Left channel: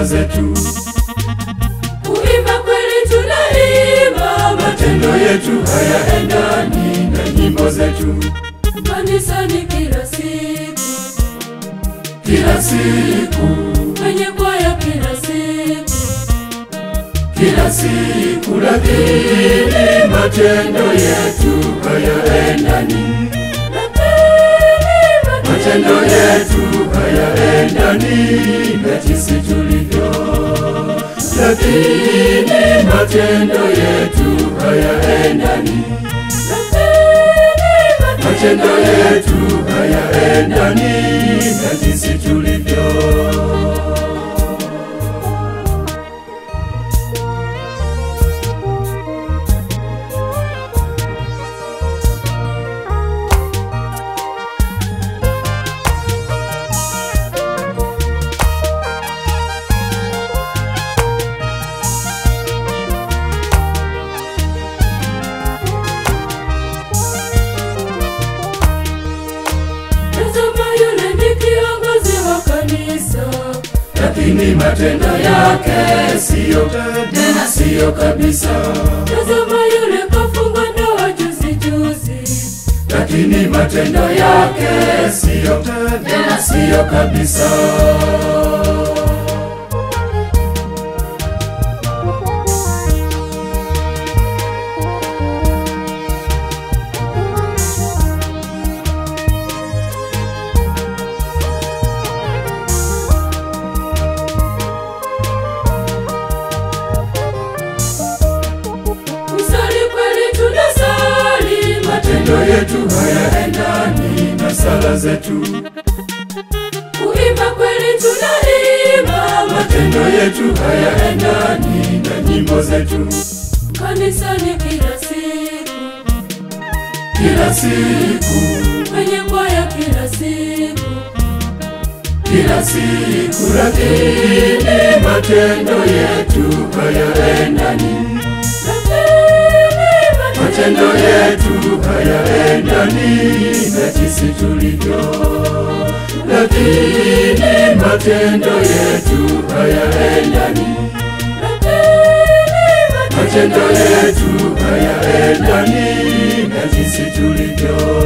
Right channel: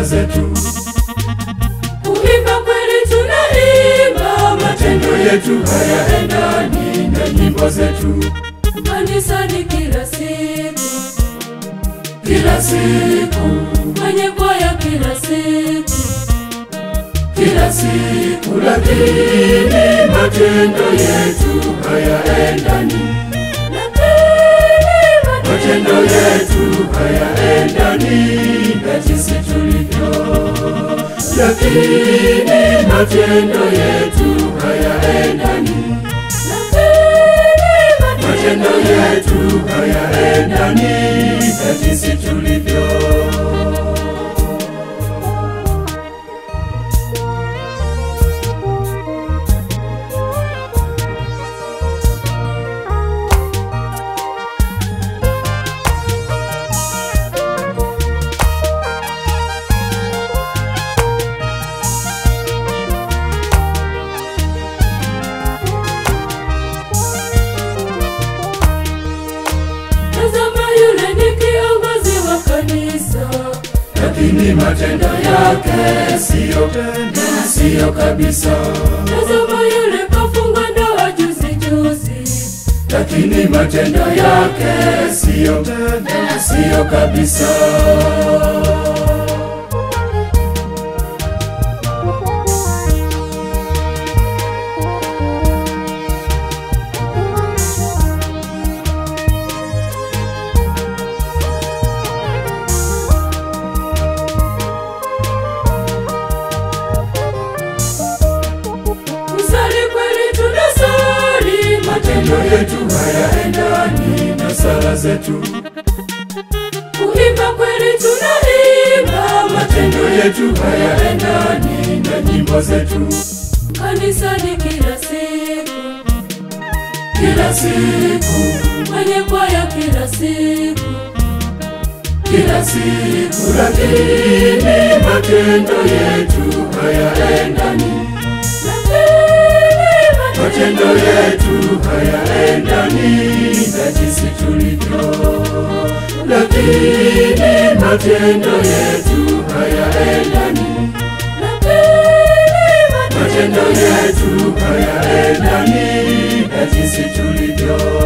sala zetu. Kuimba kweli tunaimba, Matendo yetu hayaendani na nyimbo zetu. kanisani kila siku, Kila siku, kwenye kwaya kila siku, kila siku, lakini matendo yetu hayaendani. Matendo yetu hayaendani na jinsi tulivyo, lakini matendo yetu hayaendani. Matendo yetu hayaendani na jinsi tulivyo. Lakini matendo yake siyo kabisa. Lakini matendo yake siyo kabisa. Matendo yetu hayaendani na sala zetu. Kuimba kweli tunaimba, Matendo yetu hayaendani na nyimbo zetu. kanisani kila siku, Kila siku, kwenye kwaya kila siku, kila siku, lakini matendo yetu hayaendani. Matendo yetu hayaendani na jinsi tulivyo, lakini matendo yetu hayaendani. Matendo yetu hayaendani na jinsi tulivyo.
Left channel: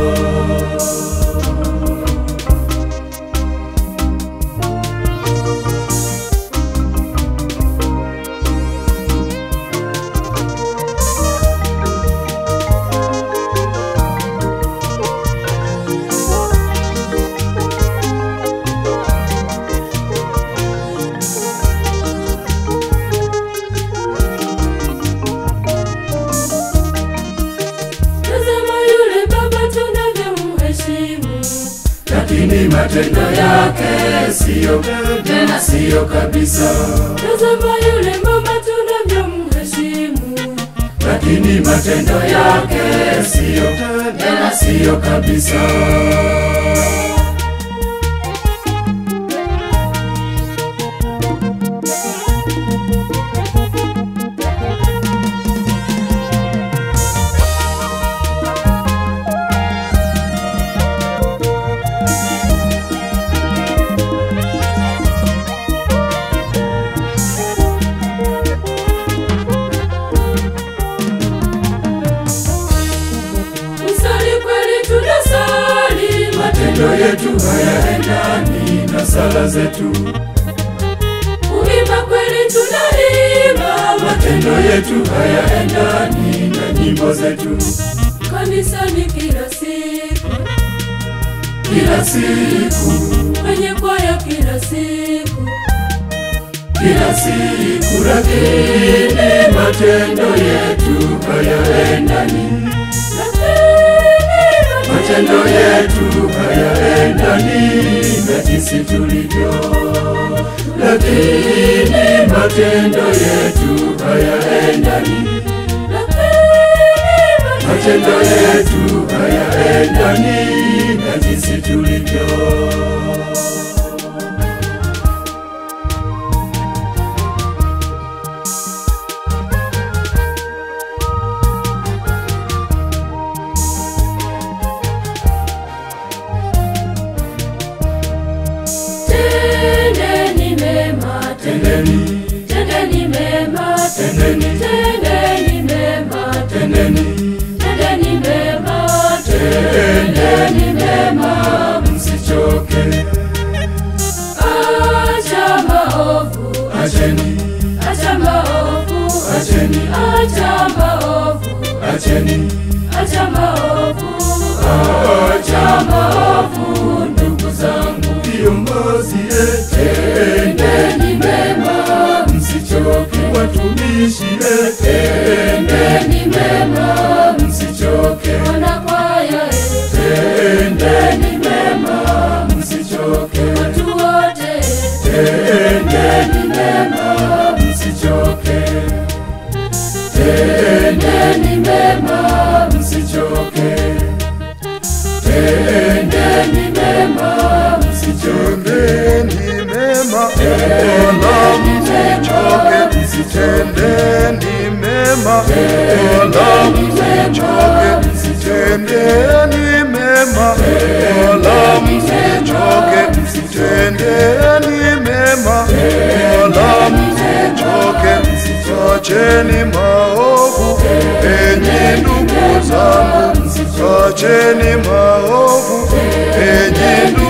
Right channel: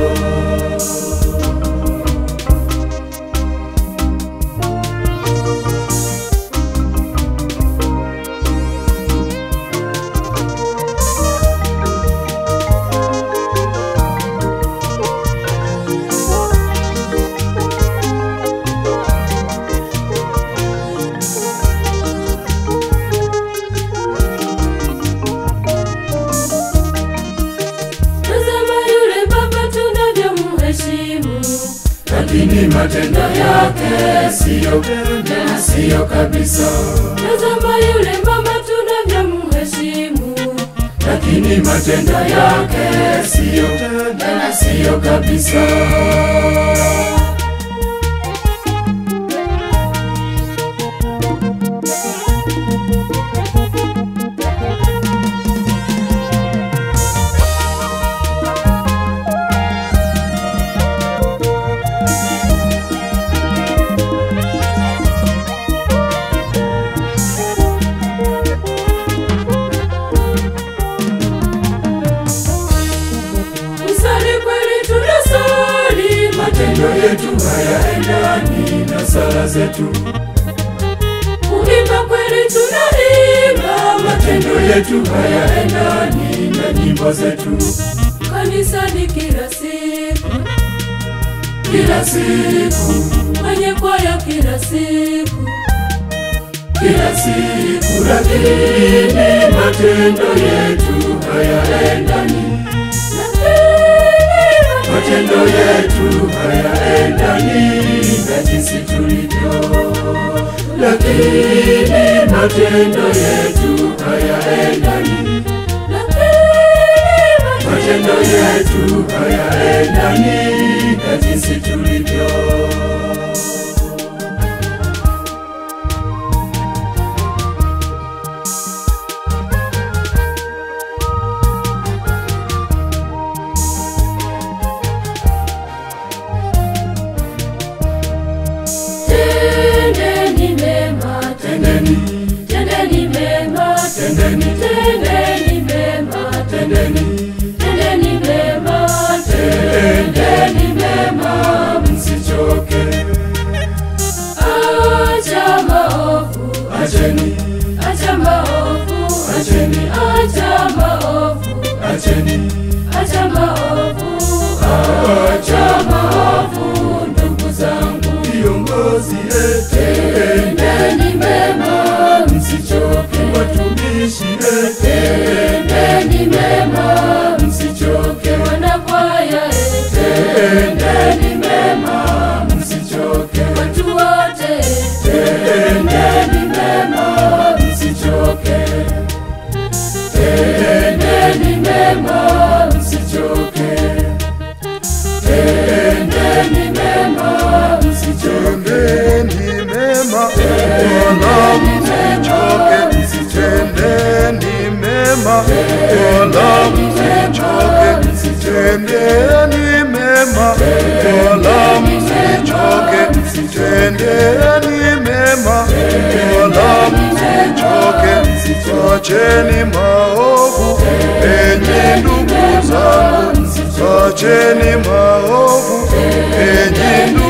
Lakini matendo yake siyo kabisa. Lakini matendo yake siyo kabisa. Matendo yetu hayaendani na sala zetu. Kuimba kweli tunaimba, Matendo yetu hayaendani na nyimbo zetu. kanisani kila siku, Kila siku, kwenye kwaya kila siku, kila siku, lakini matendo yetu hayaendani. Matendo yetu hayaendani na jinsi tulivyo, lakini matendo yetu hayaendani. Matendo yetu hayaendani na jinsi tulivyo. mema, wala msichoke. Tendeni mema, wala msichoke. Tendeni mema, wala msichoke. Acheni maovu, enyi ndugu zangu. Acheni maovu, enyi ndugu